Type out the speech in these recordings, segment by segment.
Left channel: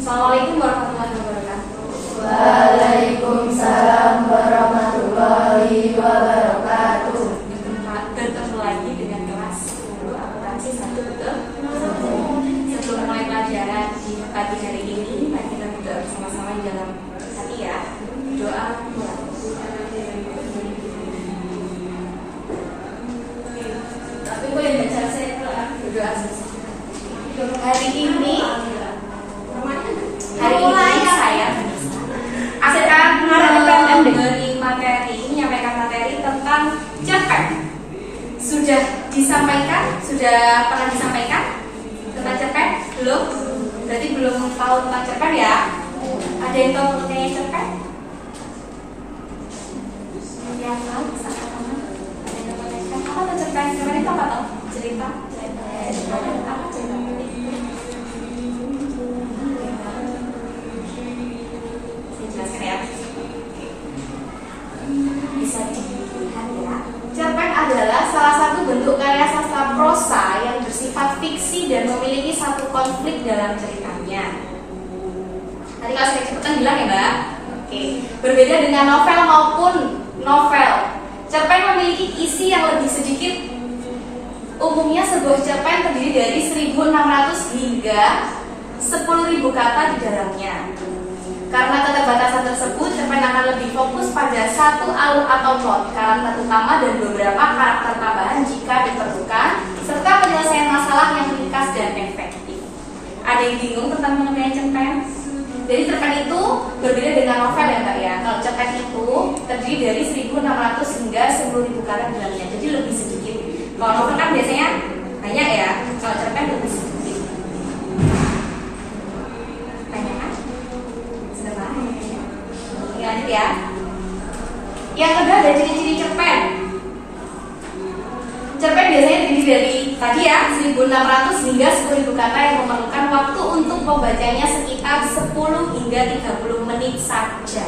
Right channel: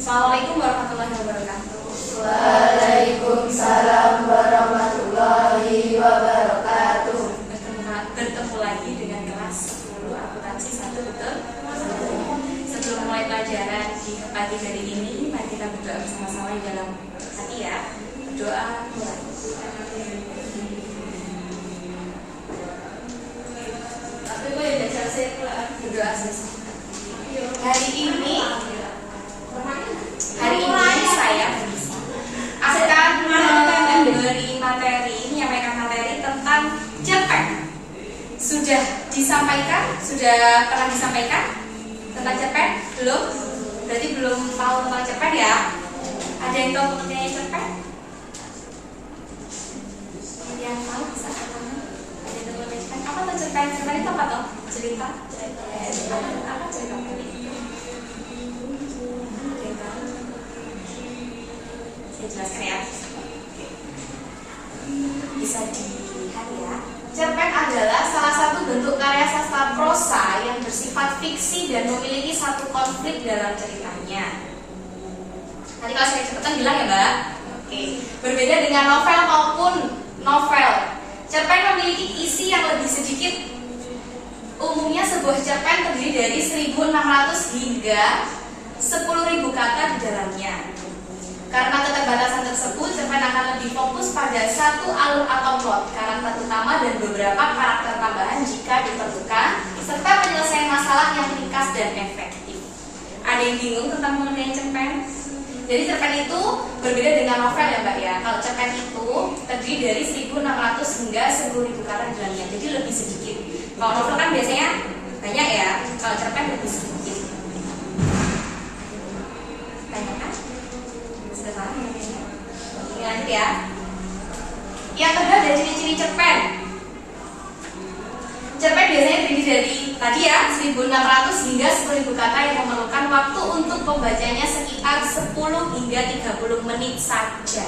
Assalamualaikum warahmatullahi wabarakatuh. Waalaikumsalam warahmatullahi wabarakatuh. Bertemu lagi dengan kelas 10 akuntansi 1, betul? Sebelum mulai pelajaran di pagi hari ini, mari kita berdoa bersama-sama di dalam hati ya. Doa mulai. Tapi boleh tidak selesai berdoa selesai. Hari ini saya akan memberi materi, menyampaikan materi tentang cerpen. Sudah disampaikan? Sudah pernah disampaikan tentang cerpen? Belum? Berarti belum tahu tentang cerpen ya? Ada yang tahu mengenai cerpen? Yang tahu bisa katakan? Ada yang tahu mengenai cerpen? Apa tuh cerpen? Cerpen itu apa tuh? Cerita? Apa cerita? Jelaskan ya. Bisa dilihat ya. Cerpen adalah salah satu bentuk karya sastra prosa yang bersifat fiksi dan memiliki satu konflik dalam ceritanya. Nanti kalau saya cepetan bilang ya Mbak. Oke. Berbeda dengan novel maupun novel, cerpen memiliki isi yang lebih sedikit. Umumnya sebuah cerpen terdiri dari 1.600 hingga 10.000 kata di dalamnya. Karena keterbatasan tersebut, cerpen akan lebih fokus pada satu alur atau plot, karakter utama dan beberapa karakter tambahan jika diperlukan, serta penyelesaian masalah yang ringkas dan efektif. Ada yang bingung tentang mengenai cerpen? Jadi cerpen itu berbeda dengan novel ya Mbak ya. Kalau cerpen itu terdiri dari 1.600 hingga 10.000 kata di dalamnya, jadi lebih sedikit. Kalau novel kan biasanya banyak ya, kalau cerpen lebih sedikit. Ingat ya. Yang kedua ada ciri-ciri cerpen. Cerpen biasanya terdiri dari tadi ya 1.600 hingga 10.000 kata yang memerlukan waktu untuk membacanya sekitar 10 hingga 30 menit saja.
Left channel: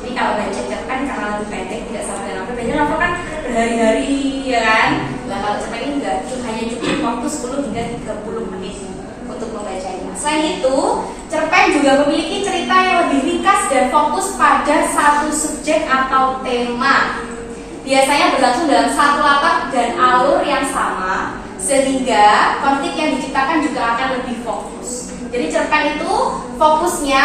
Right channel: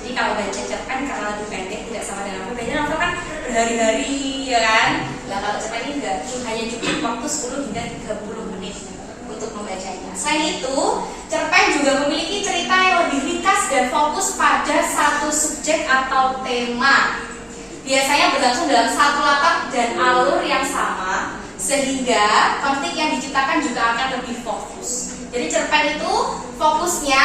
Jadi kalau baca cerpen karena lebih pendek tidak sama dengan novel. Biasanya novel kan berhari-hari ya kan. Nah kalau cerpen ini enggak, hanya cukup waktu 10 hingga 30 menit untuk membacanya. Selain itu, cerpen juga memiliki cerita yang lebih ringkas dan fokus pada satu subjek atau tema. Biasanya berlangsung dalam satu latar dan alur yang sama, sehingga konflik yang diciptakan juga akan lebih fokus. Jadi cerpen itu fokusnya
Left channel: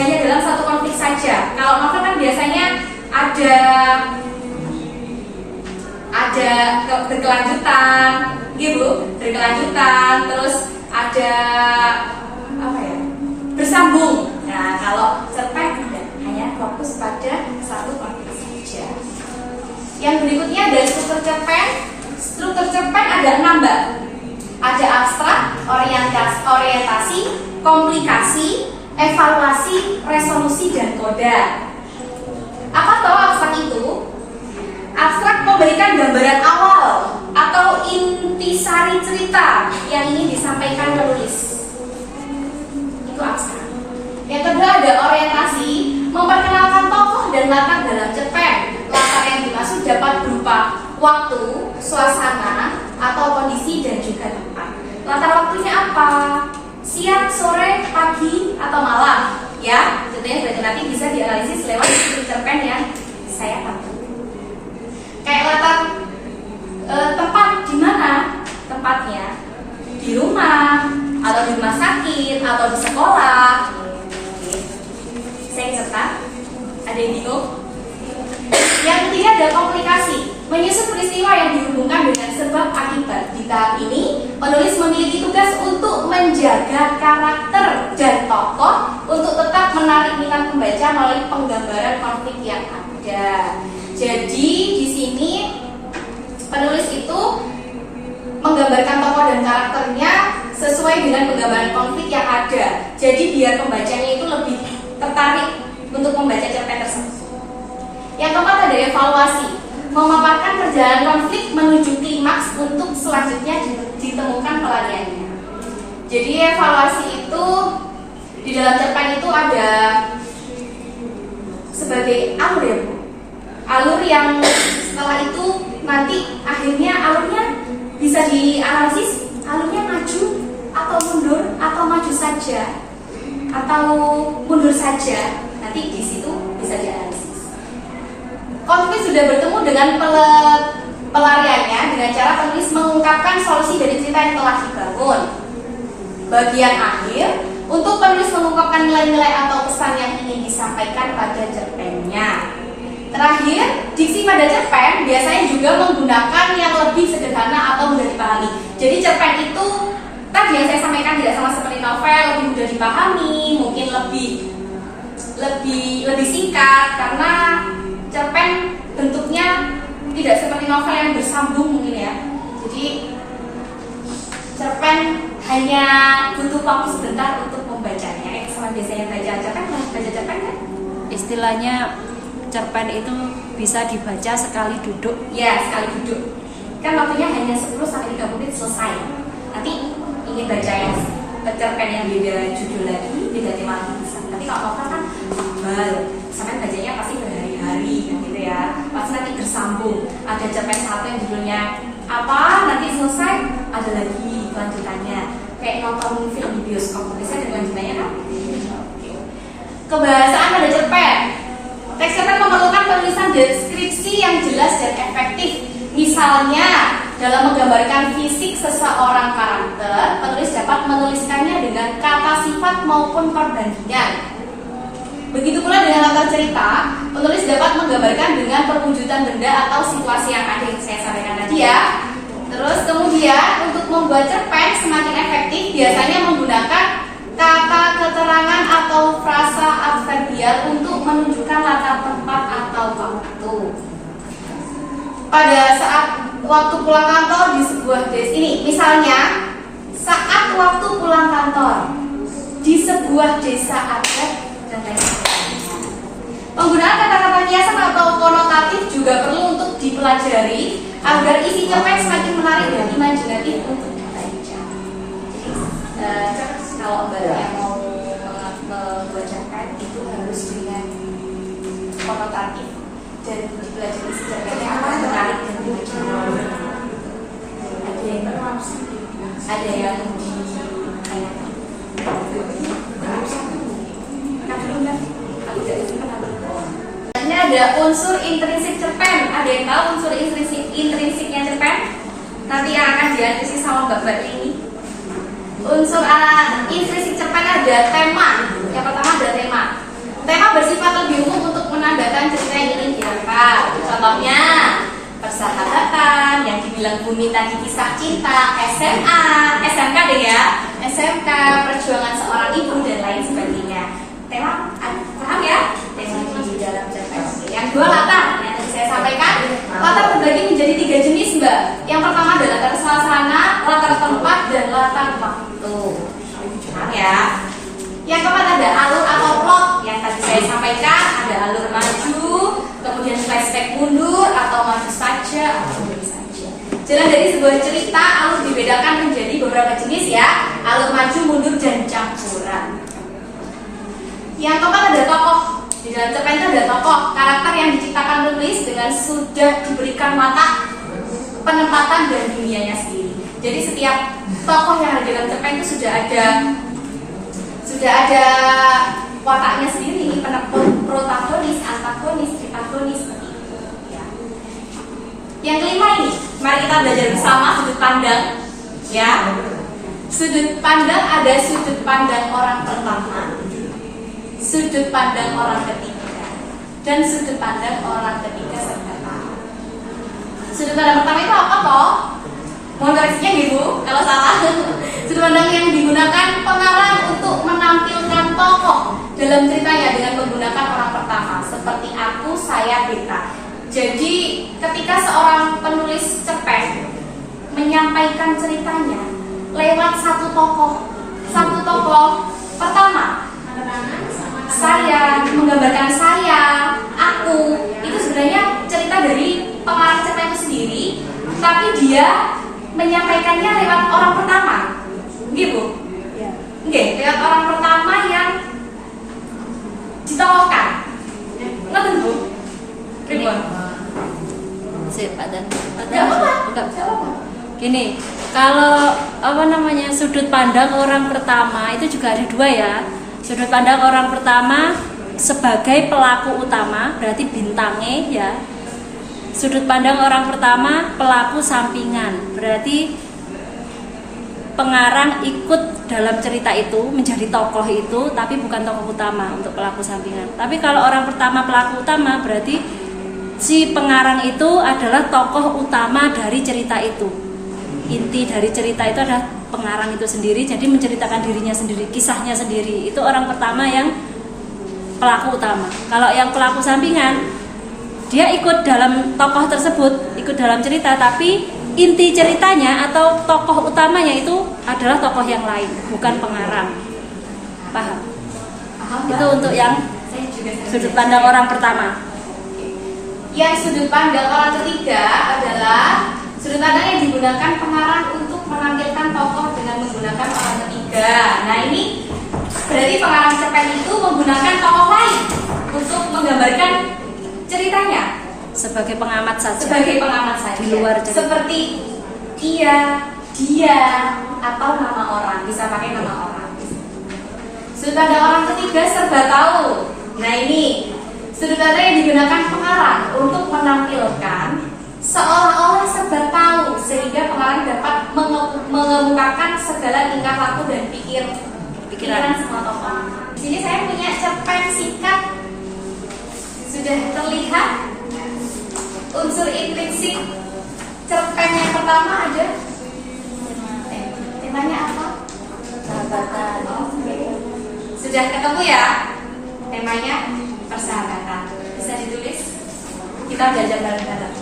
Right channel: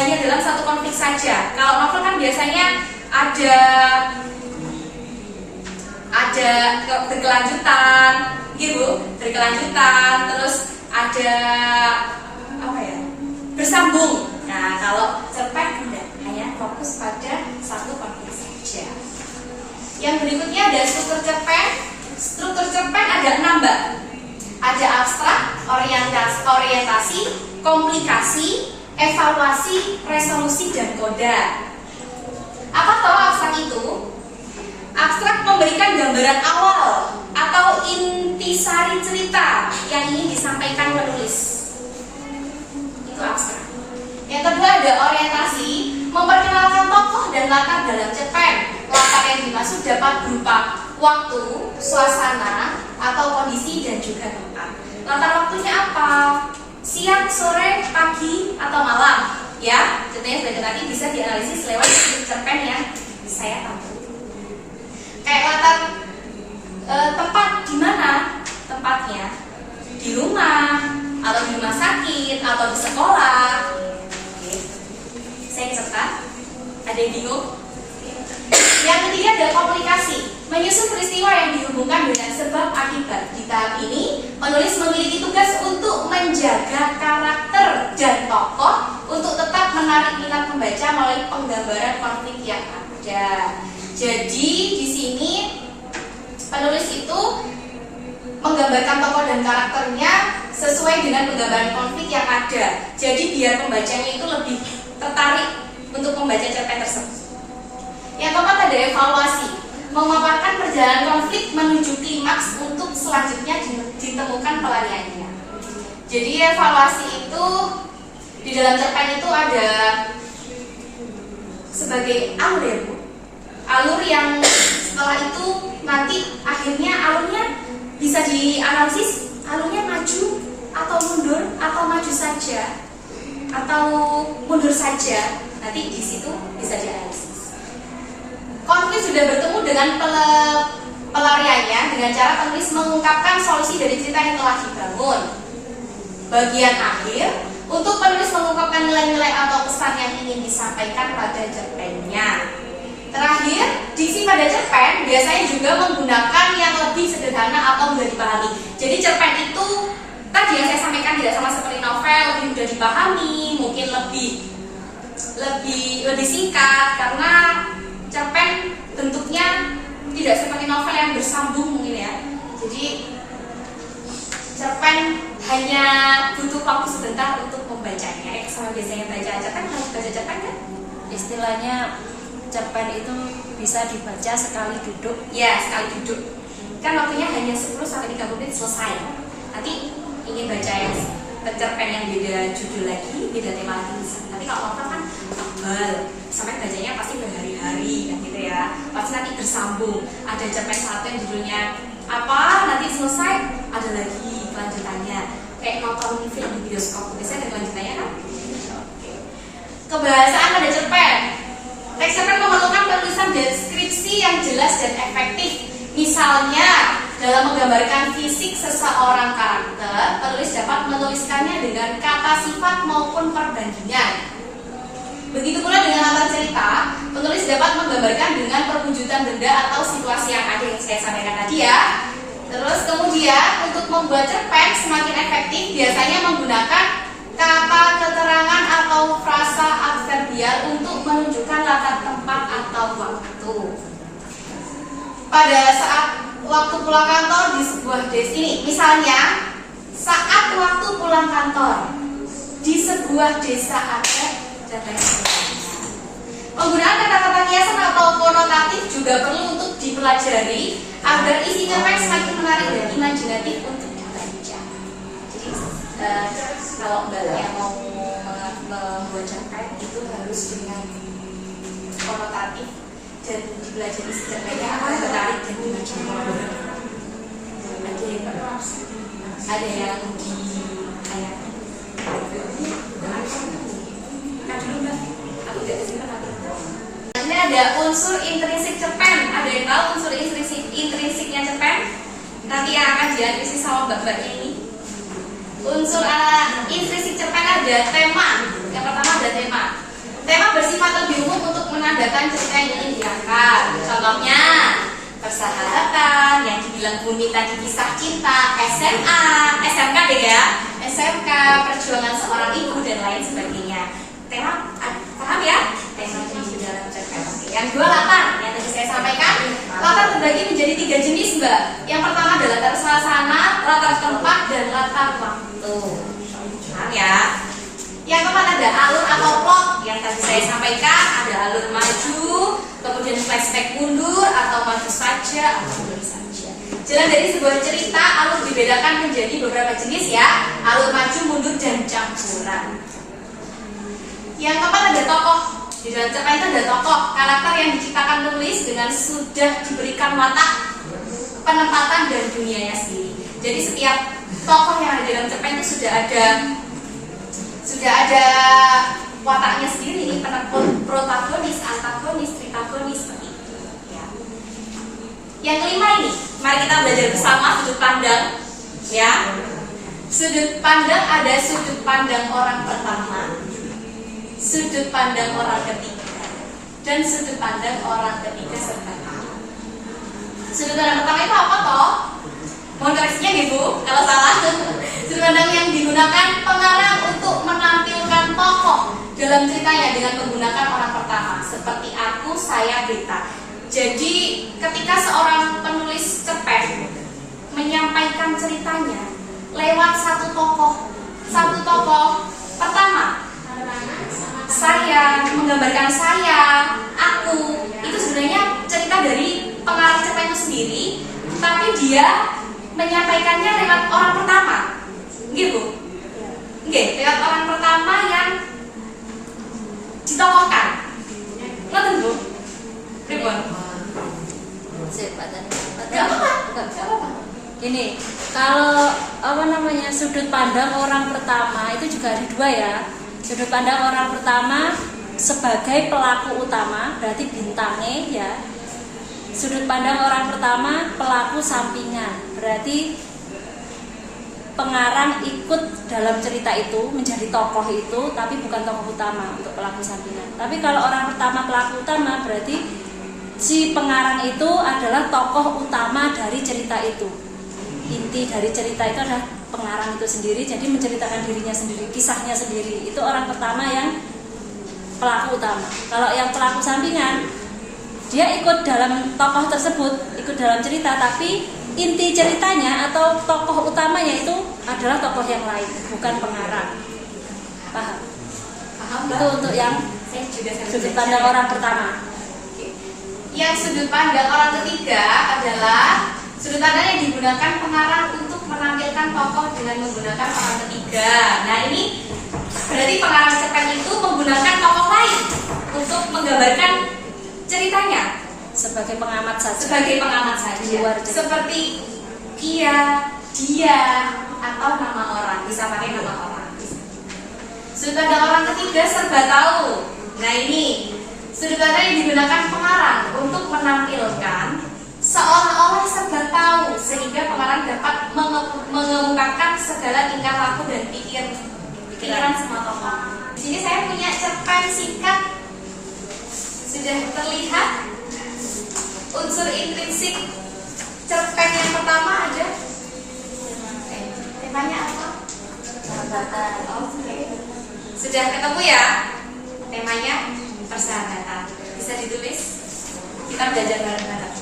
hanya dalam satu konflik saja. Kalau novel kan biasanya ada berkelanjutan, gitu, berkelanjutan, terus ada apa ya, bersambung. Nah kalau cerpen tidak, hanya fokus pada satu konflik saja. Yang berikutnya ada struktur cerpen. Struktur cerpen ada 6 Mbak. Ada abstrak, orientasi, komplikasi, evaluasi, resolusi, dan koda. Apa tahu abstrak itu? Abstrak memberikan gambaran awal atau intisari cerita yang ingin disampaikan penulis. Itu abstrak. Yang kedua ada orientasi, memperkenalkan tokoh dan latar dalam cerpen. Latar yang dimaksud dapat berupa waktu, suasana, atau kondisi dan juga tempat. Latar waktunya apa? Siang, sore, pagi, atau malam? Ya, contohnya sebagai nanti bisa dianalisis lewat cerpen yang saya tampilkan. Kayak latar tempat di mana tempatnya, di rumah atau di rumah sakit atau di sekolah. Oke. Saya serta ada yang bingung? Yang ketiga ada komunikasi, menyusun peristiwa yang dihubungkan dengan sebab akibat. Di tahap ini penulis memiliki tugas untuk menjaga karakter dan tokoh untuk tetap menarik minat pembaca melalui penggambaran konflik yang ada. Jadi di sini penulis itu menggambarkan tokoh dan karakternya sesuai dengan penggambaran konflik yang ada. Jadi biar pembacanya itu lebih tertarik untuk membaca cerpen tersebut. Yang keempat ada evaluasi, memaparkan perjalanan konflik menuju klimaks untuk selanjutnya ditemukan pelariannya. Jadi evaluasi itu di dalam cerpen itu ada sebagai alur ya Bu. Alur yang setelah itu nanti akhirnya alurnya bisa dianalisis, alurnya maju atau mundur atau maju saja atau mundur saja, nanti di situ bisa dianalisis. Konflik sudah bertemu dengan pelariannya dengan cara penulis mengungkapkan solusi dari cerita yang telah dibangun. Bagian akhir, untuk penulis mengungkapkan nilai-nilai atau pesan yang ingin disampaikan pada cerpennya. Terakhir, diksi pada cerpen biasanya juga menggunakan yang lebih sederhana atau mudah dipahami. Jadi cerpen itu tadi yang saya sampaikan tidak sama seperti novel, lebih mudah dipahami, mungkin lebih singkat karena cerpen bentuknya tidak seperti novel yang bersambung mungkin ya. Jadi cerpen hanya butuh waktu sebentar untuk membacanya. Sama biasanya baca cerpen, harus baca cerpen kan? Istilahnya cerpen itu bisa dibaca sekali duduk. Ya, sekali duduk. Kan waktunya hanya 10-30 menit selesai. Nanti ingin baca yang cerpen yang beda judul lagi, beda tema lagi bisa. Tapi kalau novel kan tebal, sampai bacanya pasti berhari-hari kan gitu ya. Pasti nanti bersambung. Ada cerpen satu yang judulnya apa, nanti selesai ada lagi kelanjutannya. Kayak nonton film di bioskop, biasanya ada kelanjutannya kan? Kebahasaan pada cerpen. Teks cerpen memerlukan penulisan deskripsi yang jelas dan efektif. Misalnya, dalam menggambarkan fisik seseorang karakter, penulis dapat menuliskannya dengan kata sifat maupun perbandingan. Begitu pula dengan latar cerita, penulis dapat menggambarkan dengan perwujudan benda atau situasi yang ada yang saya sampaikan tadi ya. Terus kemudian untuk membuat cerpen semakin efektif biasanya menggunakan kata keterangan atau frasa adverbial untuk menunjukkan latar tempat atau waktu. Pada saat waktu pulang kantor di sebuah desa ini, misalnya saat waktu pulang kantor di sebuah desa adat dan lain sebagainya. Penggunaan kata-kata kiasan atau konotatif juga perlu untuk dipelajari agar isi cerpen semakin menarik dan imajinatif untuk dibaca. Jadi kalau mbaknya mau membuat cerpen itu harus dengan konotatif dan belajar isi cerpennya akan menarik dan imajinatif. Ada yang di ini ada unsur intrinsik cerpen. Ada yang tahu unsur intrinsiknya cerpen? Nanti yang akan dianalisis sama mbak-mbak ini. Unsur intrinsik cerpen ada tema. Yang pertama ada tema. Tema bersifat lebih umum untuk menandakan cerita yang ingin diangkat. Contohnya persahabatan, yang dibilang Bumi tadi kisah cinta, SMA, SMK deh ya, SMK, perjuangan seorang ibu dan lain sebagainya. Tema, paham ya? Tema di dalam cerpen. Yang dua latar, yang tadi saya sampaikan, latar terbagi menjadi 3 jenis mbak. Yang pertama adalah latar suasana, latar tempat, dan latar waktu. Paham ya? Yang keempat ada alur atau plot. Yang tadi saya sampaikan ada alur maju, kemudian flashback mundur atau maju saja atau mundur saja. Jalan dari sebuah cerita alur dibedakan menjadi beberapa jenis ya, alur maju, mundur, dan campuran. Yang keempat ada tokoh. Di dalam cerpen itu ada tokoh, karakter yang diciptakan penulis dengan sudah diberikan watak, penempatan dan dunianya sendiri. Jadi setiap tokoh yang ada di dalam cerpen itu sudah ada wataknya sendiri, protagonis, antagonis, tripagonis seperti itu ya. Yang kelima ini, mari kita belajar bersama sudut pandang ya. Sudut pandang ada sudut pandang orang pertama, sudut pandang orang ketiga, dan sudut pandang orang ketiga serta lain. Sudut pandang pertama itu apa toh? Mohon koreksinya ibu kalau salah. Sudut pandang yang digunakan pengarang untuk menampilkan tokoh dalam ceritanya dengan menggunakan orang pertama, seperti aku, saya, beta. Jadi ketika seorang penulis cerpen menyampaikan ceritanya lewat satu tokoh pertama, saya, menggambarkan saya, aku, itu sebenarnya cerita dari pengarang cerpen itu sendiri, tapi dia menyampaikannya lewat orang pertama, gitu. Lewat orang pertama yang ditokohkan. Ngerti bu? Ribuan. Sip, ada. Gak apa-apa. Gini, kalau sudut pandang orang pertama itu juga ada dua ya. Sudut pandang orang pertama sebagai pelaku utama, berarti bintangnya ya. Sudut pandang orang pertama pelaku sampingan, berarti pengarang ikut dalam cerita itu, menjadi tokoh itu, tapi bukan tokoh utama untuk pelaku sampingan. Tapi kalau orang pertama pelaku utama, berarti si pengarang itu adalah tokoh utama dari cerita itu. Inti dari cerita itu adalah pengarang itu sendiri, jadi menceritakan dirinya sendiri, kisahnya sendiri. Itu orang pertama yang pelaku utama. Kalau yang pelaku sampingan, dia ikut dalam tokoh tersebut, ikut dalam cerita, tapi inti ceritanya atau tokoh utamanya itu adalah tokoh yang lain, bukan pengarang. Paham? Paham, Itu untuk yang saya juga sudut pandang orang pertama. Yang sudut pandang orang ketiga adalah sudut pandang yang digunakan pengarang untuk menampilkan tokoh dengan menggunakan orang ketiga. Nah, ini berarti pengarang cerpen itu menggunakan tokoh lain untuk menggambarkan ceritanya. Sebagai pengamat saja. Sebagai pengamat saja. Di luar cerita. Seperti ia, dia, atau nama orang. Bisa pakai nama orang. Sudut pandang orang ketiga serba tahu. Nah, ini sudut pandang yang digunakan pengarang untuk menampilkan seolah-olah serba tahu, sehingga pengarang dapat mengemukakan segala tingkah laku dan pikiran semua tokoh. Di sini saya punya cerpen singkat. Sudah terlihat unsur intrinsik cerpen yang pertama ada. Temanya apa? Sahabatan. Oke. Sudah ketemu ya? Temanya persahabatan. Bisa ditulis? Kita belajar bareng-bareng.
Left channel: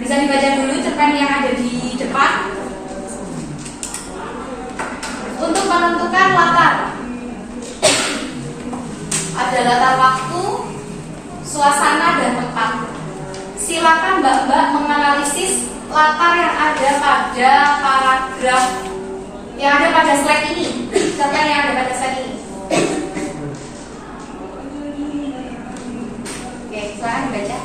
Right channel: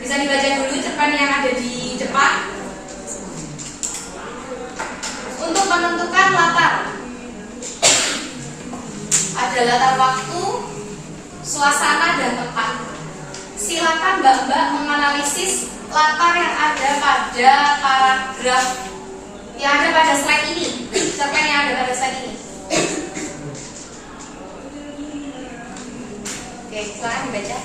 Bisa dibaca dulu cerpen yang ada di depan. Untuk menentukan latar, ada latar waktu, suasana, dan tempat. Silakan Mbak-mbak menganalisis latar yang ada pada paragraf yang ada pada slide ini, cerpen yang ada pada slide ini. Oke, silakan dibaca.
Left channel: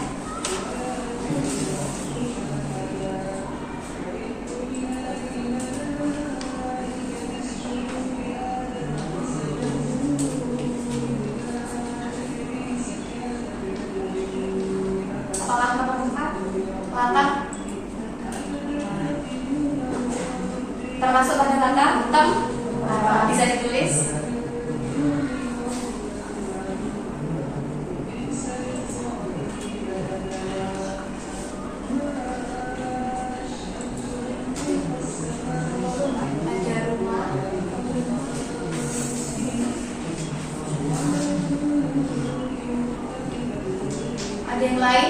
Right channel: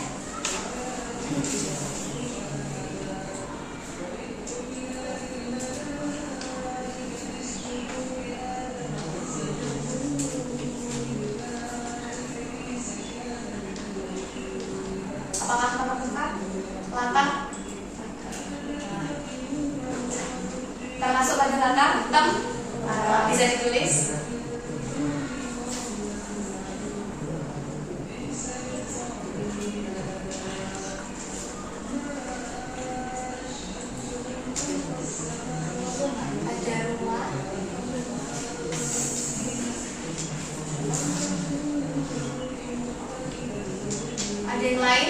Apakah menemukan latar? Termasuk pada latar hitam? Bisa ditulis. Ada rumah. Ada yang lain?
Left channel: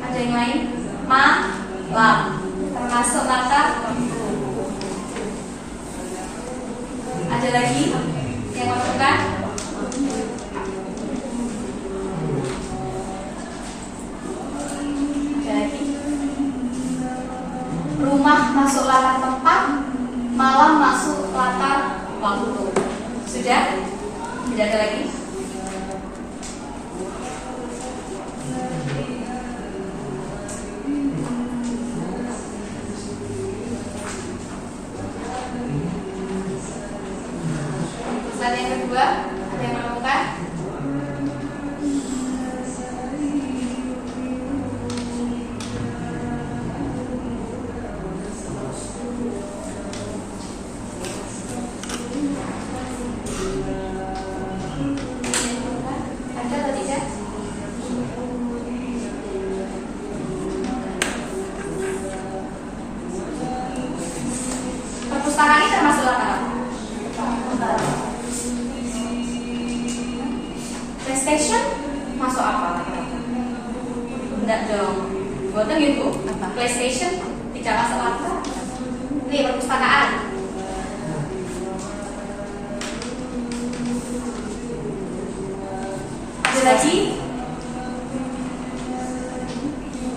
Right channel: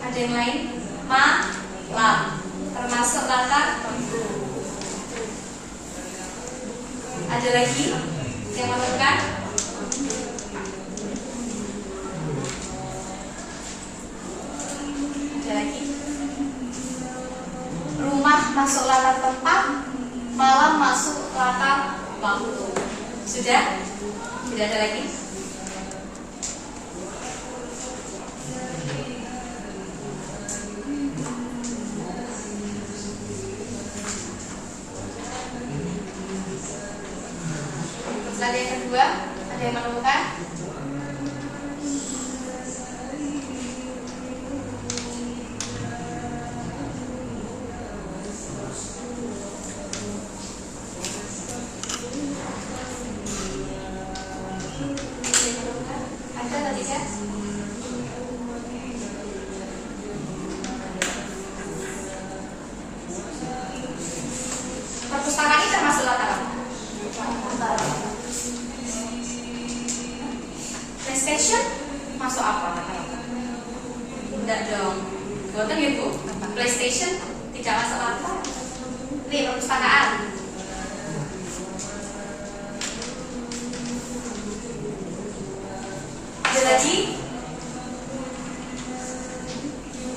Ada yang lain? Malam. Termasuk latar tentu. Ada lagi yang menemukan? Ada lagi? Rumah masuk latar tempat, malam masuk latar waktu. Sudah? Tidak ada lagi? Slide yang kedua, ada yang menemukan? Ada atau tidak? Perpustakaan ini termasuk latar apa? PlayStation masuk apa? Enggak dong. Buatan gitu. PlayStation tidak masuk latar. Ini perpustakaan. Ada lagi?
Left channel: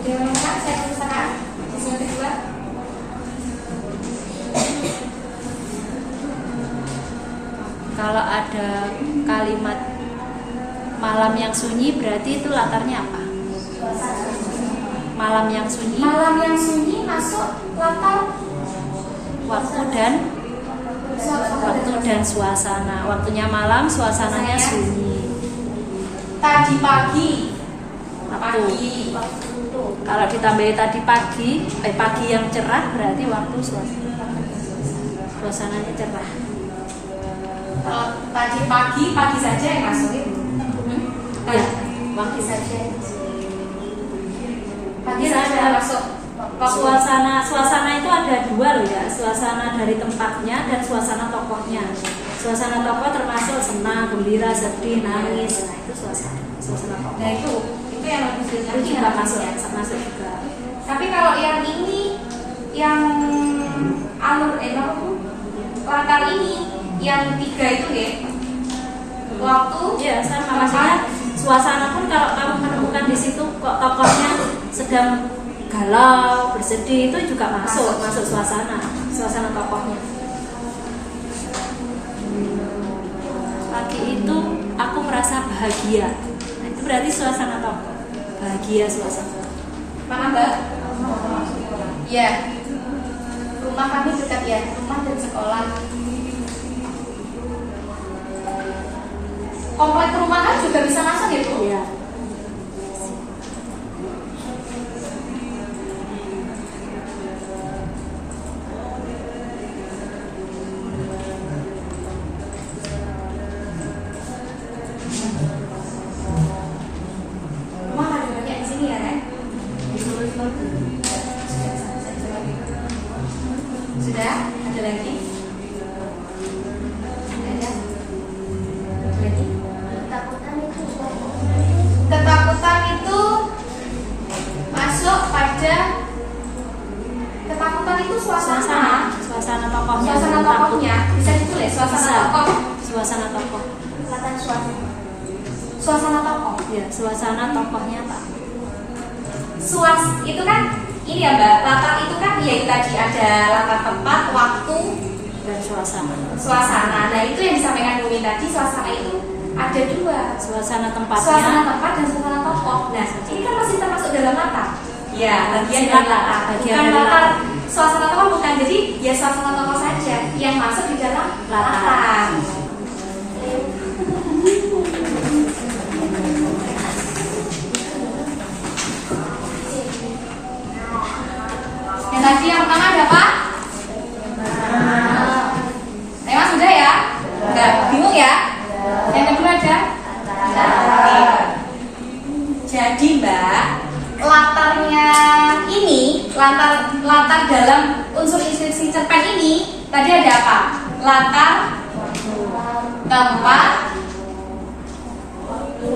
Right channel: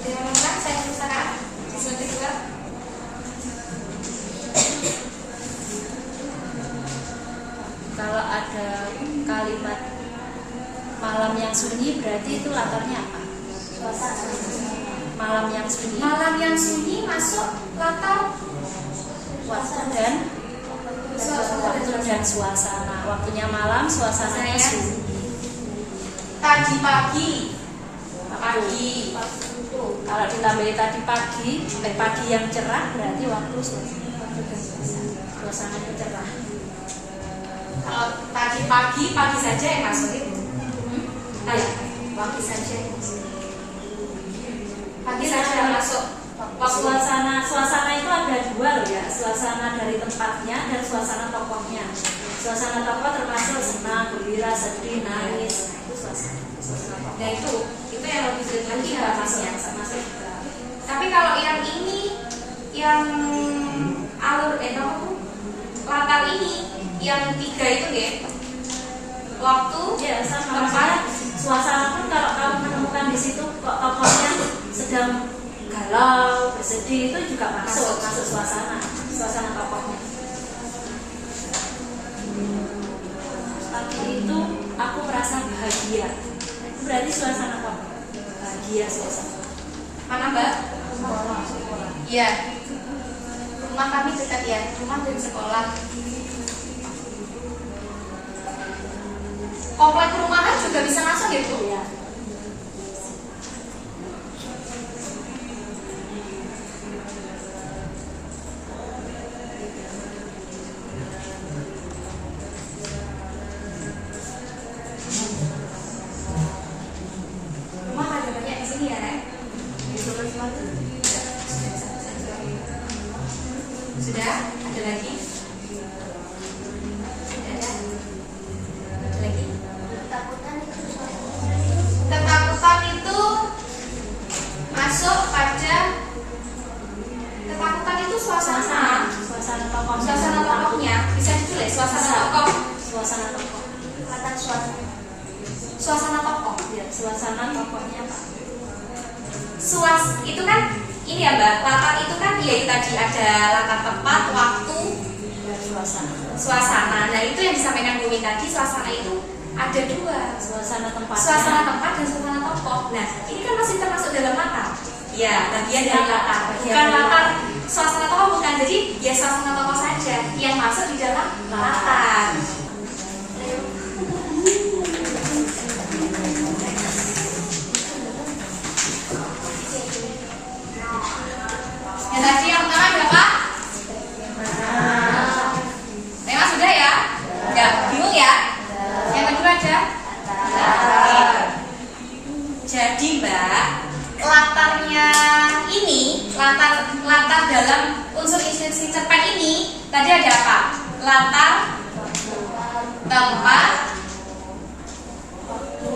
Ada yang menemukan saya perpustakaan? Slide kedua. Kalau ada kalimat malam yang sunyi berarti itu latarnya apa? Malam yang sunyi. Malam yang sunyi masuk latar Waktu dan suasana. Waktunya malam, suasananya sunyi. Tadi pagi. Waktu. Kalau ditambahin tadi pagi yang cerah berarti waktu suasananya cerah. Kalau tadi pagi saja yang masuk itu. Ya. Pagi saja. Pagi Jadi saja ada masuk. suasana itu ada dua loh ya, suasana dari tempatnya dan suasana tokohnya. Suasana tokoh termasuk senang, gembira, sedih, nangis. Nah, itu suasana tokoh. Nah itu yang lebih Itu lagi juga yang masuk masuk. masuk juga. Tapi kalau yang ini, yang alur apa tuh? Latar ini, yang 3 itu ya. Waktu, Ya, sama tempat, maksudnya suasana pun kalau kamu menemukan di situ kok tokohnya sedang galau, bersedih itu juga masuk suasana tokohnya. Pagi itu aku merasa bahagia. Nah, itu berarti suasana tokoh. Bahagia suasana. mana Mbak? Ya, rumah kami dekat ya, rumah dan sekolah. Komplek perumahan juga bisa masuk ya Bu? Iya. Rumah ada banyak di sini ya, Ren? Sudah? Ada lagi? Ada? Ada lagi? Ketakutan itu masuk pada ketakutan itu suasana Suasana tokohnya bisa ditulis suasana Bisa. tokoh Suasana tokoh. suasana tokoh Ya, suasana tokohnya takut. itu kan ini ya Mbak, latar itu kan ya itu tadi ada latar tempat, waktu, Dan suasana. Nah itu yang disampaikan Bu Min tadi, suasana itu ada 2, suasana tempatnya. suasana tempat dan suasana tokoh. Nah ini kan masih termasuk dalam latar. Ya, bagian dari latar. Bagian Bukan dari latar latar. suasana tokoh bukan, jadi ya suasana tokoh saja yang masuk di dalam latar. Yang tadi yang pertama ada apa? Tema sudah ya? Enggak bingung ya? Yang kedua ada? Jadi Mbak, latarnya ini, latar dalam unsur instruksi cerpen ini tadi ada apa? Latar, tempat,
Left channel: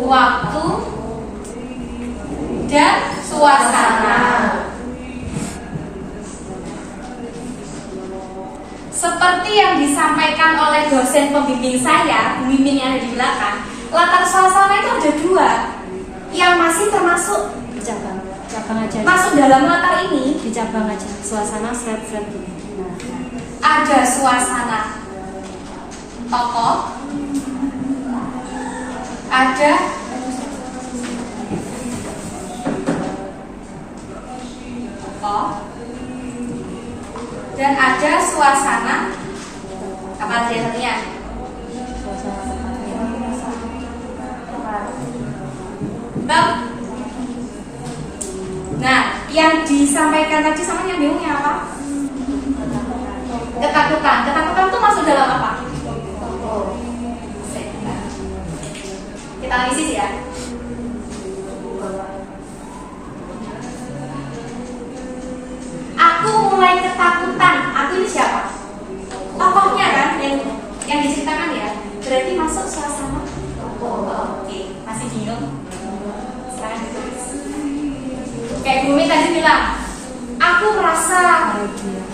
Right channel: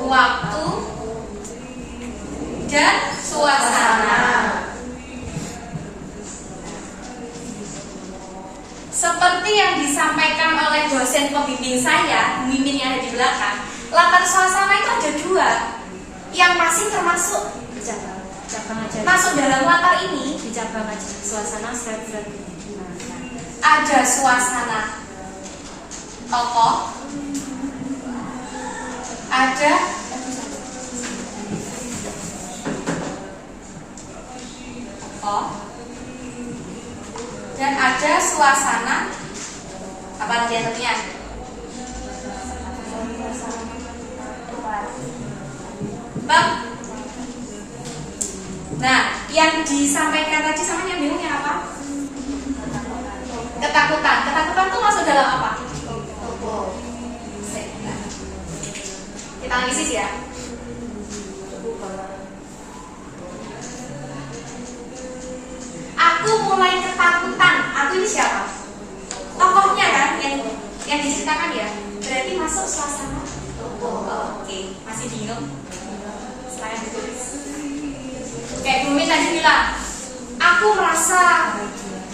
waktu, dan suasana. Seperti yang disampaikan oleh dosen pembimbing saya, Bu Mimin yang ada di belakang, latar suasana itu ada 2 yang masih termasuk cabang aja. masuk dalam latar ini. Di cabang aja. Suasana set-set. Nah. Ada suasana tokoh, ada tokoh, dan ada suasana apa tadi satunya? Bang. Nah, yang disampaikan tadi sama yang bingungnya apa? Ketakutan. Ketakutan tuh masuk dalam apa? Kita analisis ya. Aku mulai ketakutan. Aku ini siapa? Tokohnya kan yang diceritakan ya. Berarti masuk suasana tokoh. Oke, masih bingung? Silahkan ditulis. Kayak Bumi tadi bilang, aku merasa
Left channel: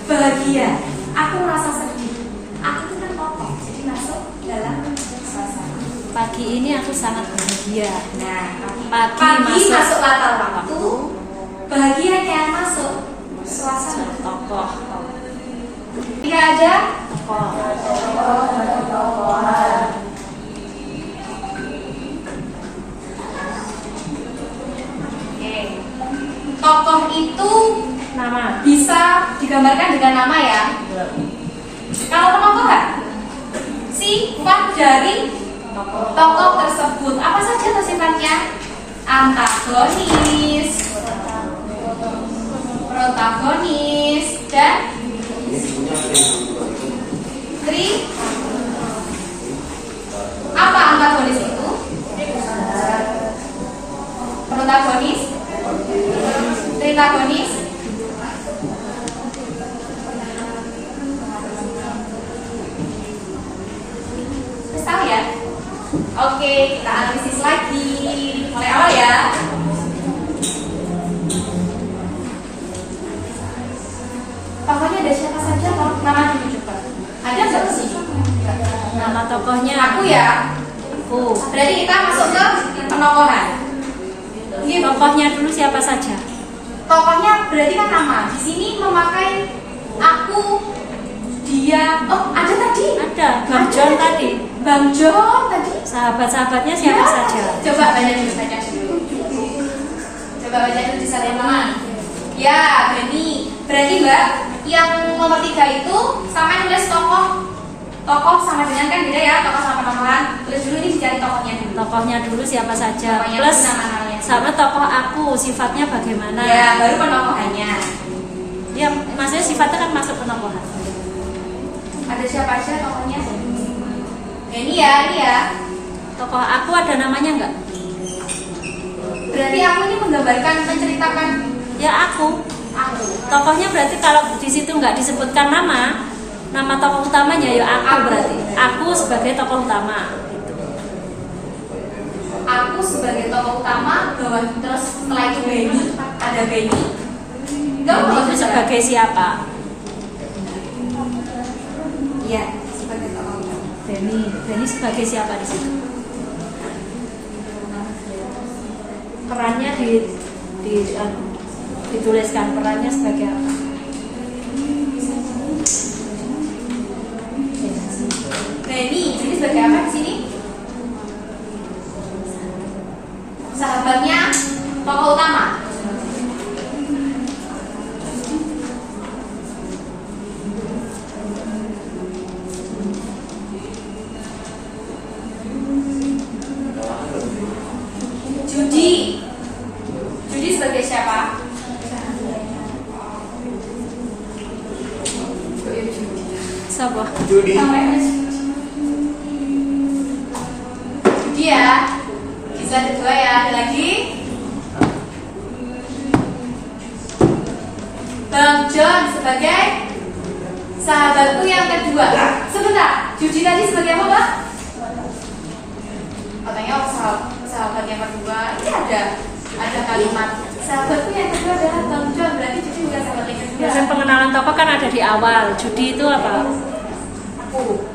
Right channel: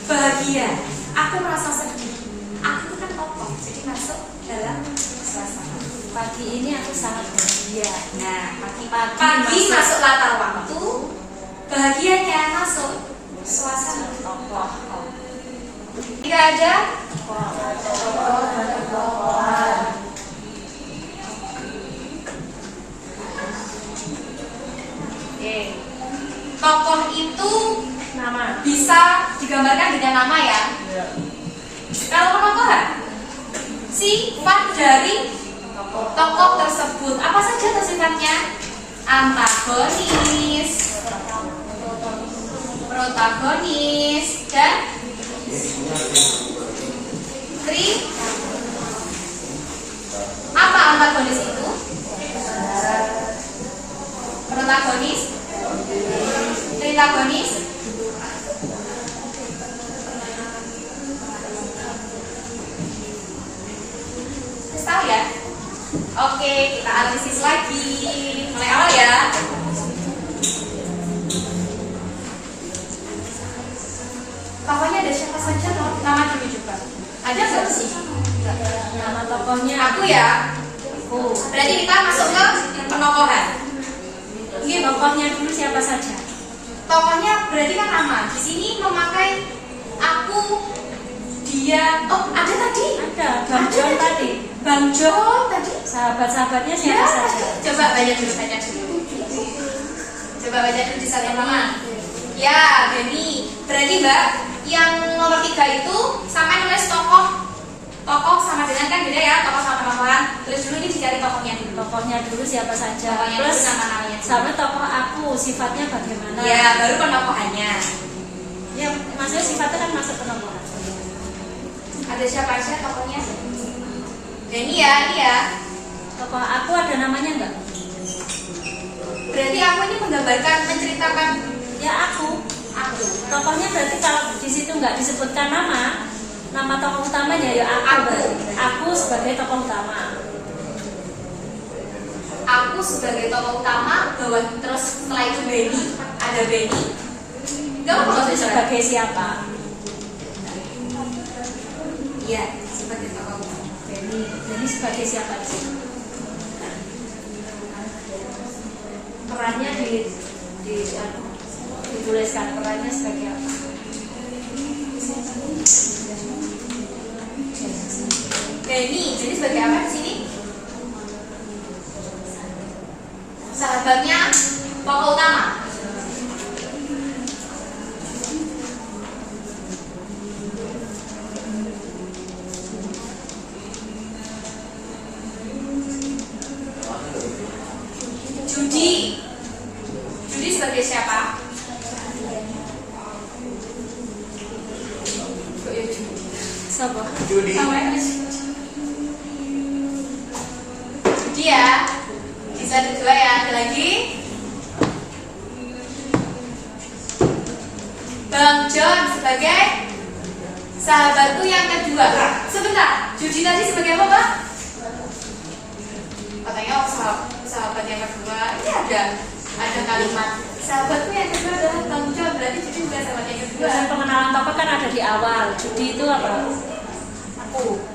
bahagia, aku merasa sedih. Aku itu kan tokoh, jadi masuk dalam suasana. Pagi ini aku sangat bahagia. Nah, Pagi masuk latar waktu, bahagianya masuk suasana tokoh. Tidak ada Tokoh. digambarkan dengan nama ya. Kalau penokohan, sifat dari tokoh tersebut apa saja tuh sifatnya? Antagonis, protagonis, dan apa antagonis itu? Protagonis, tritagonis, terus tahu ya? Oke, kita analisis lagi. Mulai awal ya. Tokohnya ada siapa saja loh? Nama dulu coba. Ada nggak sih? Nama tokohnya Aku ya. aku. Berarti kita masuk ke penokohan. Gitu. Tokohnya dulu siapa saja? Tokohnya berarti kan nama. Di sini memakai aku, dia. Oh, ada tadi. Ada Bang John tadi. Bang John tadi. Sahabat-sahabatnya siapa saja? Coba baca dulu, baca dulu. Coba baca dulu di sana teman. Ya, Benny. Berarti Mbak, yang nomor 3 itu sama nulis tokoh. Tokoh sama dengan kan beda ya, tokoh sama penokohan. Terus dulu ini dicari tokohnya dulu. Tokohnya dulu siapa saja? Tokohnya Plus dulu nama-namanya. sama tokoh aku sifatnya bagaimana? Ya, baru penokohannya. Ya, maksudnya sifatnya kan masuk penokohan. Ada siapa aja tokohnya? Ini ya, ini ya. Tokoh aku ada namanya enggak? Berarti aku ini menggambarkan, menceritakan Ya aku. aku. Tokohnya berarti kalau di situ nggak disebutkan nama tokoh utamanya ya aku berarti. Aku sebagai tokoh utama. Aku sebagai tokoh utama, bahwa terus setelah itu Benny, ada Benny. Gak apa Itu sebagai siapa? Iya, sebagai tokoh utama. Denny sebagai siapa di situ? Perannya dituliskan perannya sebagai apa? Benny, jadi sebagai apa di sini? Sahabatnya tokoh utama. Judy sebagai siapa? Siapa? Judi. Judy ya. Bisa ada 2 ya. Ada lagi? Bang John sebagai sahabatku yang kedua. Sebentar, Judy tadi sebagai apa, Mbak? Katanya sahabat yang kedua. Ini ada kalimat sahabatku yang kedua adalah Bang John. Berarti Judy bukan sahabat yang kedua. Dan pengenalan tokoh kan ada di awal. Judy itu apa? Aku.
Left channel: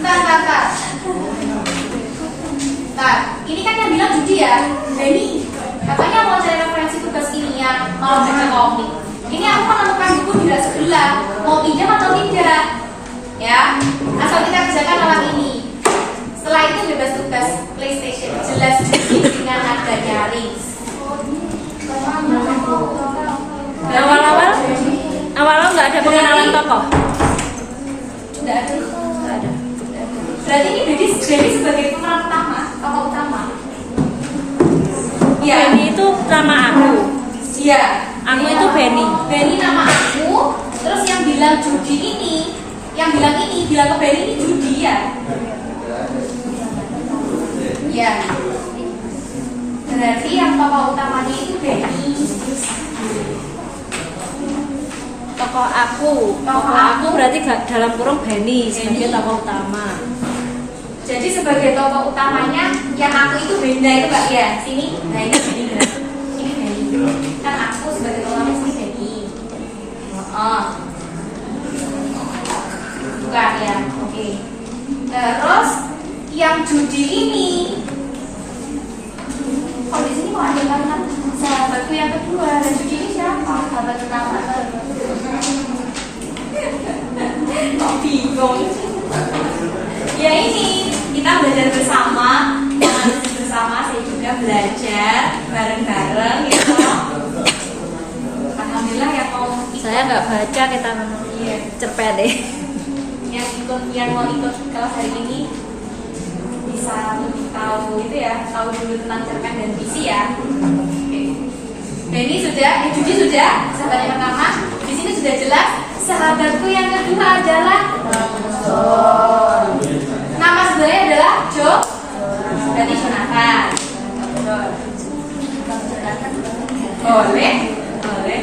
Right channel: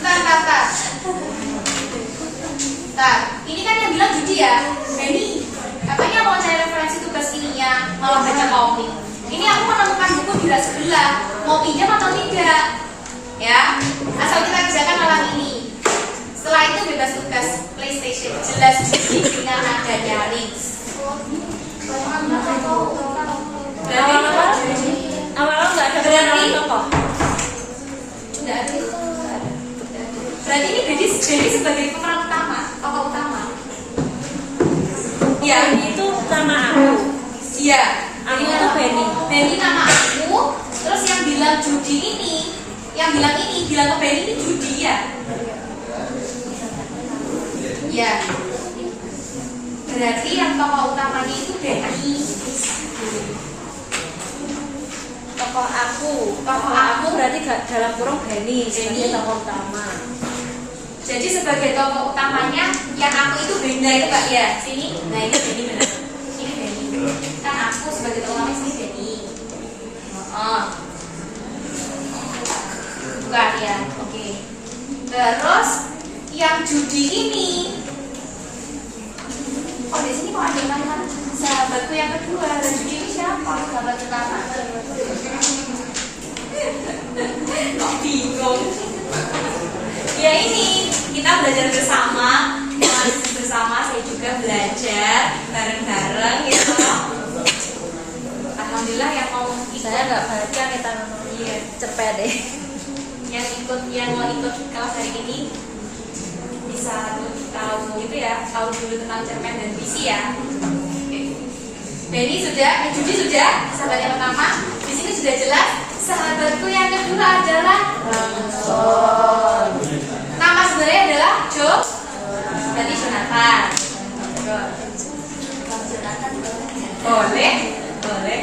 Bentar. Ini kan yang bilang Judy ya. Benny, katanya mau cari referensi tugas ininya, mau baca komik. Ini aku menemukan buku di sebelah. Mau pinjam atau tidak? Ya, asal kita kerjakan malam ini. Setelah itu bebas tugas PlayStation. Jelas Judy dengan adanya Rings. Awal-awal nggak ada pengenalan tokoh. Tidak ada. Berarti ini Benny sebagai pemeran utama, tokoh utama. Iya, Benny itu nama aku. Iya. Aku itu Benny. Benny nama aku. Terus yang bilang Judy ini, bilang ke Benny ini Judy ya. Iya. Berarti yang tokoh utamanya itu Benny. Tokoh aku berarti gak dalam kurung Benny sebagai tokoh utama. Jadi sebagai tokoh utamanya yang aku itu Benny itu Mbak ya. Sini. Nah ini Benny. Ini Benny. Kan aku sebagai tokoh utama sini Benny. Bukan ya. Oke. Terus yang Judy ini, kok di sini kok ada kalimat sahabatku yang kedua, dan Judy ini siapa? Sahabat utama. Kok bingung? Ya ini kita belajar bersama, saya juga belajar bareng-bareng gitu. Paham alhamdulillah yang mau ikut. Saya nggak baca, kita Iya. cepet deh. yang mau ikut kelas hari ini bisa lebih tahu gitu ya, tahu dulu tentang cerpen dan puisi ya. Oke. Benny sudah, Judi sudah, sahabat yang pertama. Di sini sudah jelas. Sahabatku yang kedua adalah nama sebenarnya adalah berarti Jonathan. Boleh, boleh.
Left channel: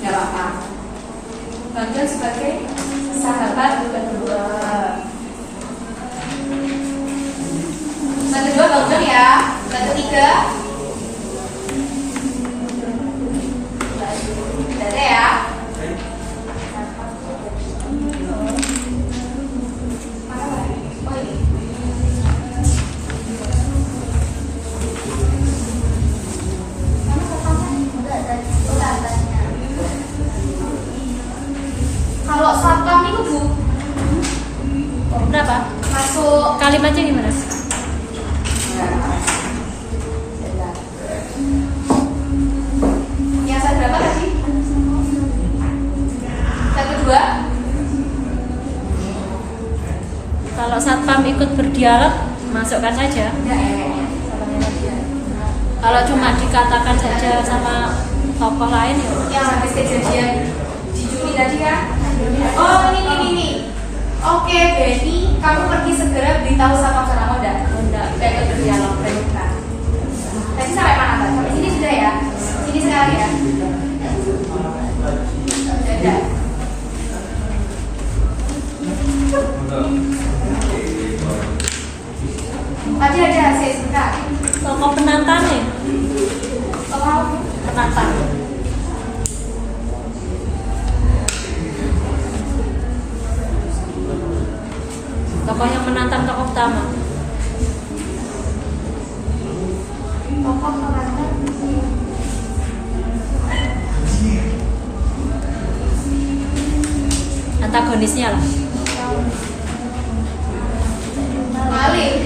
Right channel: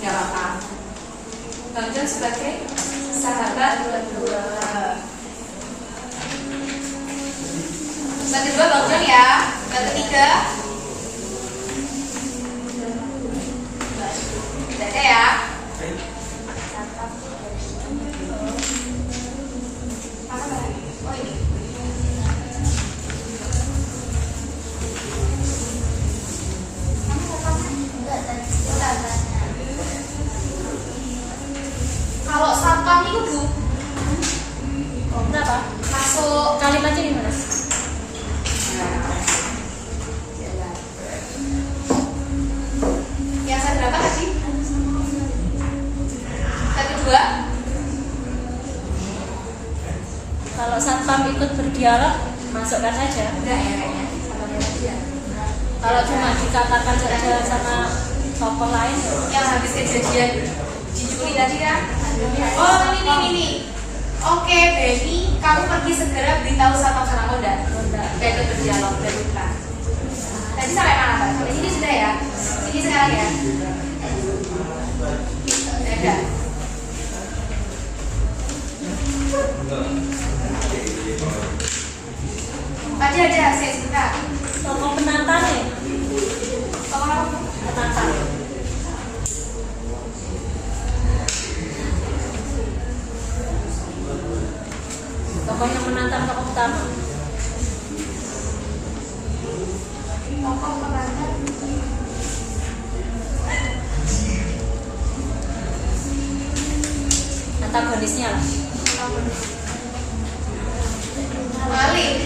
Nggak apa-apa. Bang John sebagai sahabat kedua. Yang kedua Bang John ya. Yang ketiga tidak ada ya. Oh ini. Kalau satpam itu Bu, Berapa? masuk Kalimatnya gimana? yang saya berapa tadi? Yang kedua, Kalau satpam ikut berdialog, masukkan saja. enggak ya kayaknya. Satpamnya tadi ya. Kalau cuma dikatakan saja sama tokoh lain, ya. Yang habis kejadian di Juli tadi ya. Oh ini. Oke Benny, kamu pergi segera beritahu sama enggak? Enggak itu berdialog berdebat. Tadi sampai mana Pak? Sampai sini sudah ya? Sini sekali ya? Sudah. Tadi aja saya sebentar. Tokoh penantang ya? Tolong apa? Penantang. Tokoh yang menantang tokoh utama. Tokoh penantang. Antagonisnya lah. Maling.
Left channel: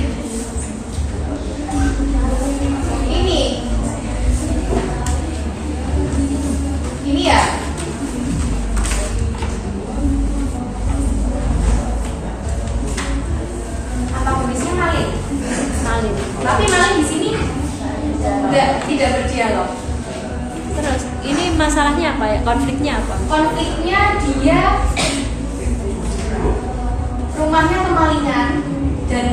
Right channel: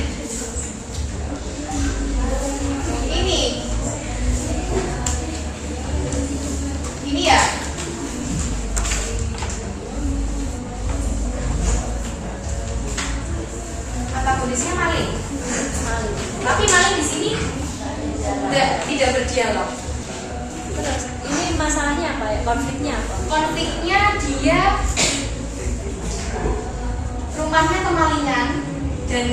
Ini ya. Antagonisnya maling. Maling. Tapi maling di sini tidak berdialog. Terus ini masalahnya apa ya? Konfliknya apa? Konfliknya dia rumahnya kemalingan dan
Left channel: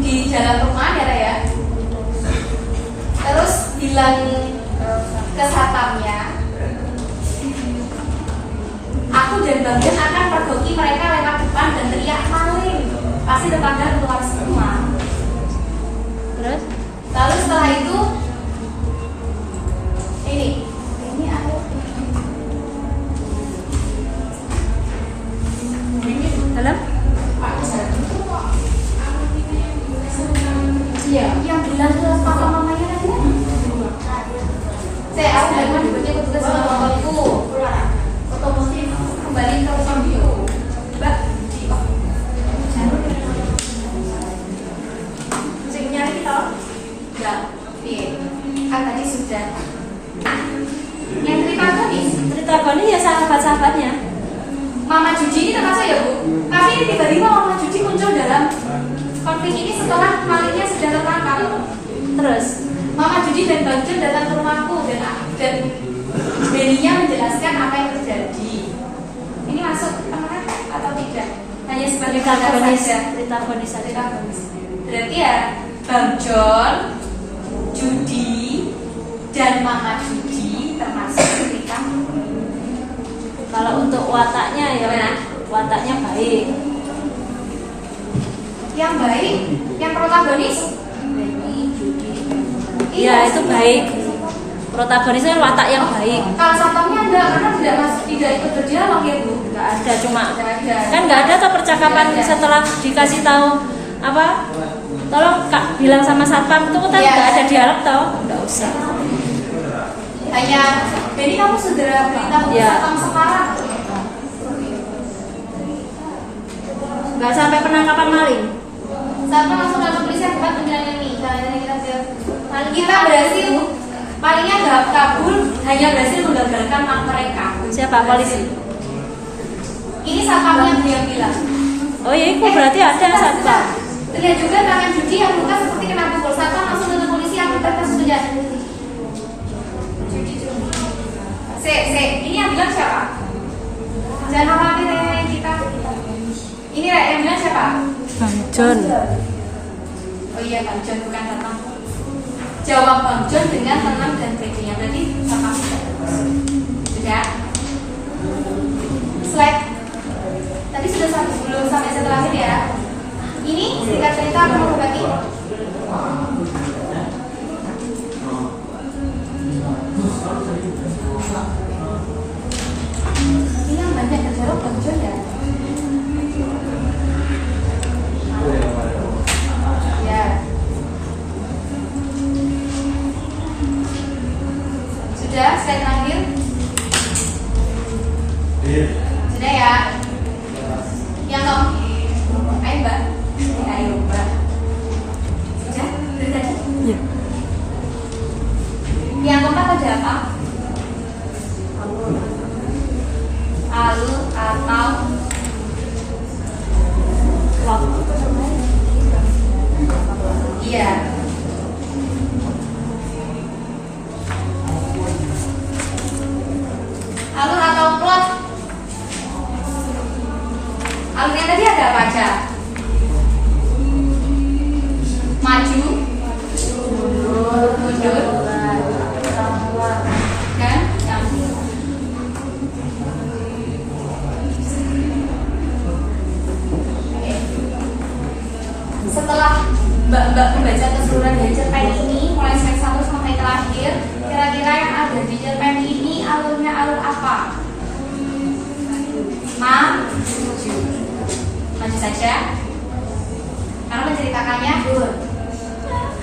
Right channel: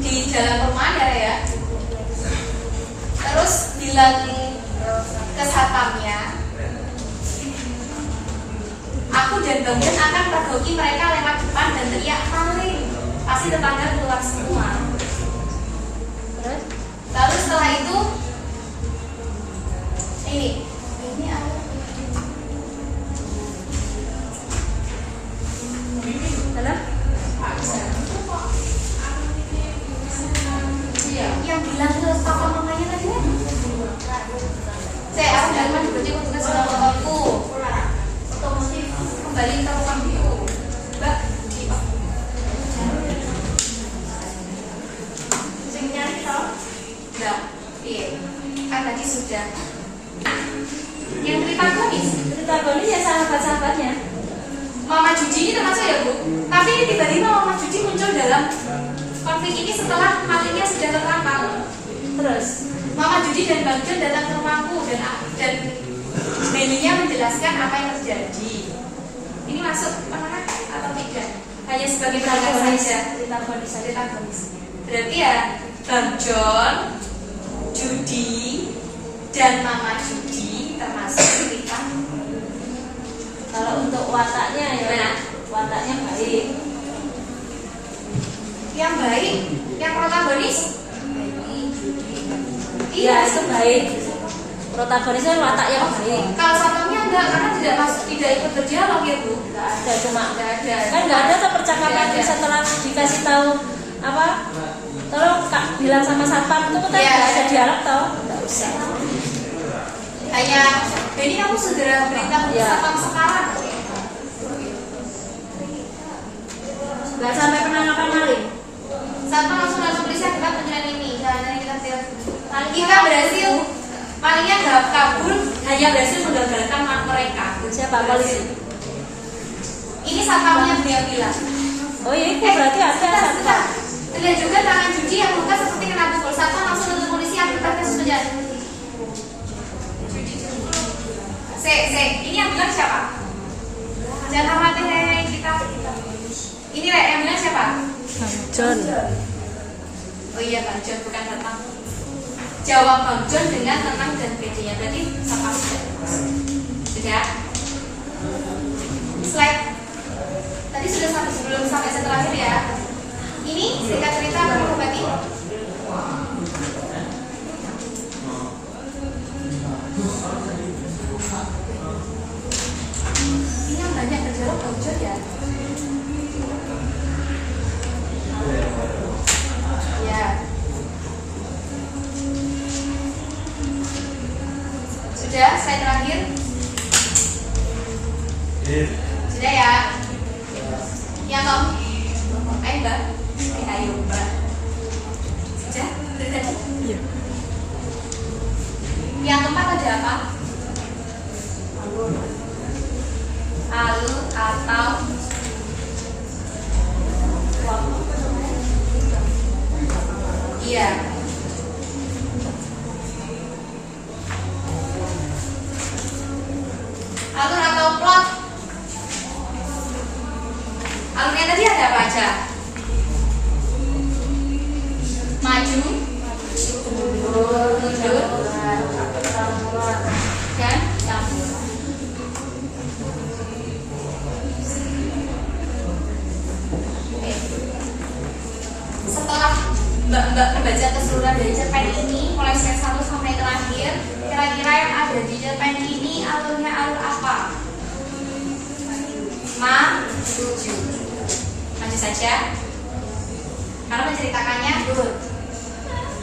di dalam rumah ya. Terus bilang ke satpamnya, aku dan Bang Jan akan pergoki mereka lewat depan dan teriak maling. Pasti tetangga keluar semua. Terus Lalu setelah itu ini ada dalam iya, yang bilang ke papa mamanya tadi kan? Saya aku dari mana dibaca ikut tugas sama fotoku. Otomotif kembali ke rumah itu. Mbak, di sing nyari toh? Enggak. Iya. Kan tadi sudah. Yang cerita agonis ya sahabat-sahabatnya. Mama Juji ini termasuk ya Bu? Tapi ini tiba-tiba Mama Juji muncul dalam konflik ini setelah malingnya sudah tertangkap. Terus Mama Juji dan Bang John datang ke rumahku dan Denia menjelaskan apa yang terjadi. Ini masuk penengah atau tidak? Hanya sebagai penengah saja. cerita agonis saja. Cerita bagus. Berarti ya Bang John, Judi, dan Mama Juji termasuk cerita. Kalau untuk wataknya ya, Gimana? wataknya baik. Yang baik, yang protagonis. Iya itu baik. Protagonisnya watak yang baik. Kalau satpamnya enggak, karena tidak ikut berdialog ya Bu. Nggak ada, cuma Nggak ada. kan nggak ada tuh percakapan Nggak ada. setelah dikasih tahu apa? Tolong Kak bilang sama satpam itu kan Iya. nggak ada dialog tau? Nggak usah. Hanya Benny kamu segera beritahu Iya. satpam sekarang. Nggak sampai penangkapan maling. Satpam langsung dalam polisi akibat penilaian ini. Jangan kita Kita berhasil, palingnya nggak kabur, hanya berhasil menggagalkan mereka. Siapa polisi? Ini satpamnya yang bilang. Oh ya, itu berarti ada satu. Terlihat juga tangan Judi yang luka seperti kena pukul. Satpam langsung tutup polisi yang mereka sudah. Ini yang bilang siapa? Jangan khawatir kita. Ini yang bilang siapa? Bang John. Oh iya Bang John, bukan satpam. Jawab Bang John dengan tenang dan pedenya. Berarti satpam sudah. Slide. Tadi sudah belum sampai setelah ini ya. Ini singkat cerita apa mau ganti? Ini yang banyak terjawab Bang John ya. Ya. Sudah, slide terakhir. Sudah ya. Yang kamu, ayo Mbak. Ayo Mbak. Sudah, dari tadi. Iya. Yang keempat ada apa? Alur atau iya. Alur atau plot. Alurnya tadi ada apa aja? Maju, mundur, dan campur. Oke. Setelah Mbak membaca keseluruhan dari cerpen ini, mulai slide 1 sampai terakhir, kira-kira yang ada di cerpen ini alurnya alur apa? Maju. Maju saja. Karena menceritakannya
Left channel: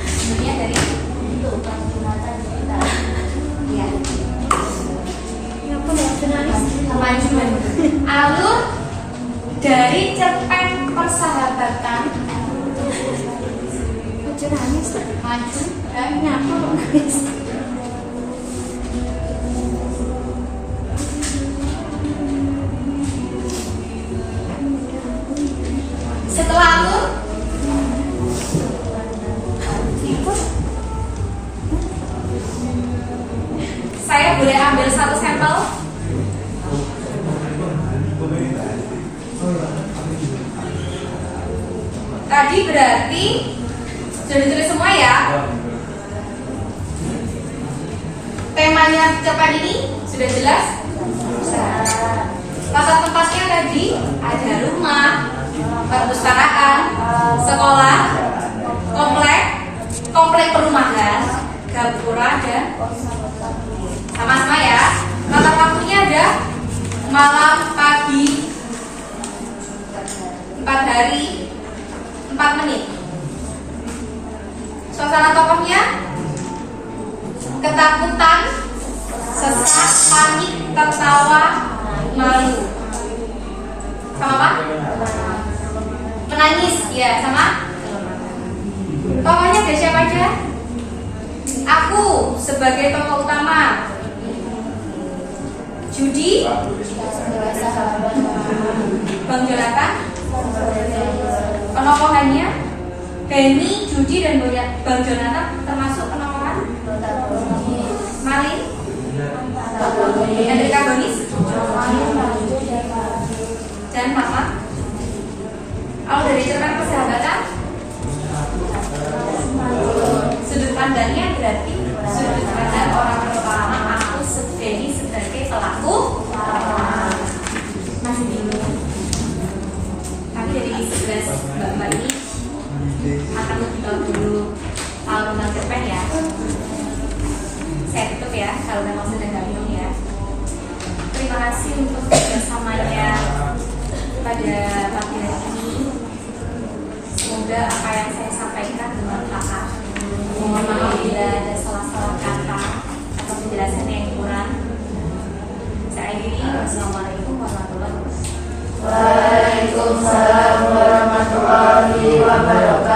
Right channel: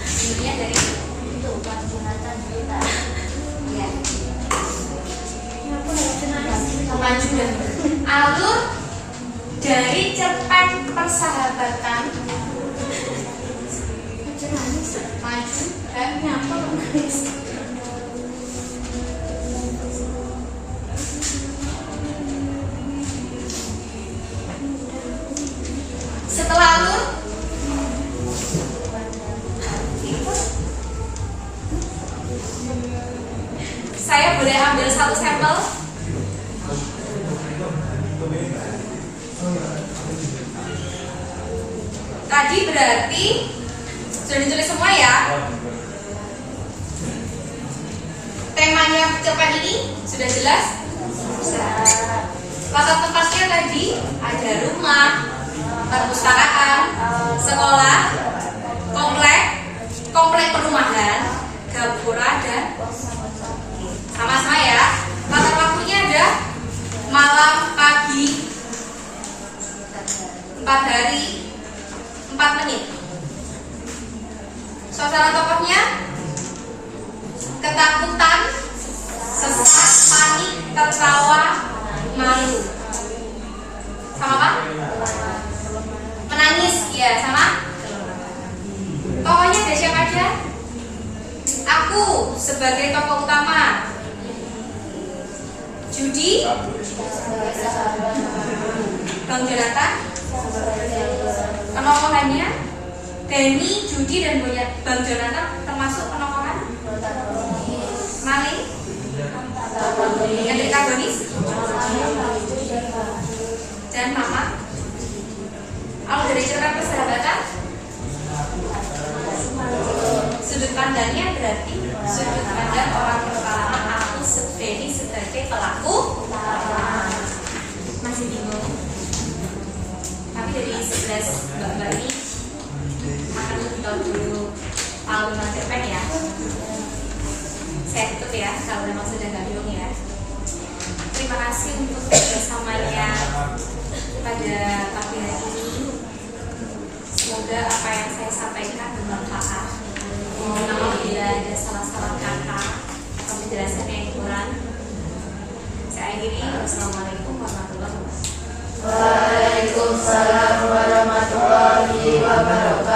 sebenarnya dari itu Jonathan cerita. ya. Maju. Alur dari cerpen persahabatan maju dan nyatu. Setelah alur saya boleh ambil satu sampel. Tadi berarti sudah ditulis semua ya. Temanya cerpen ini sudah jelas. Latar tempatnya tadi ada rumah, perpustakaan, sekolah, komplek perumahan, gapura dan sama-sama ya. Latar waktunya ada malam, pagi, 4 hari, 4 menit. Suasana tokohnya ketakutan, sesak, panik, tertawa, malu. Sama apa? Menangis, ya sama. Tokohnya ada siapa aja? Aku sebagai tokoh utama. Judi, Bang Jonathan, penokohannya Dani, Judi dan Bang Jonathan termasuk penokohan. Malin, yang dari Kagonis, dan Mama. Kalau dari cerpen persahabatan, sudut pandangnya berarti sudut pandang orang pertama. Aku Dani sebagai pelaku. Masih bingung. Tapi dari 11 mbak-mbak ini akan lebih tahu dulu alur cerpen ya. Saya tutup ya kalau memang sudah nggak bingung ya. Terima kasih untuk kerjasamanya pada pagi hari ini. Semoga apa yang saya sampaikan bermanfaat. Mohon maaf bila ada salah-salah kata atau penjelasan yang kurang. Saya akhiri. Wassalamualaikum warahmatullahi wabarakatuh. Waalaikumsalam warahmatullahi wabarakatuh.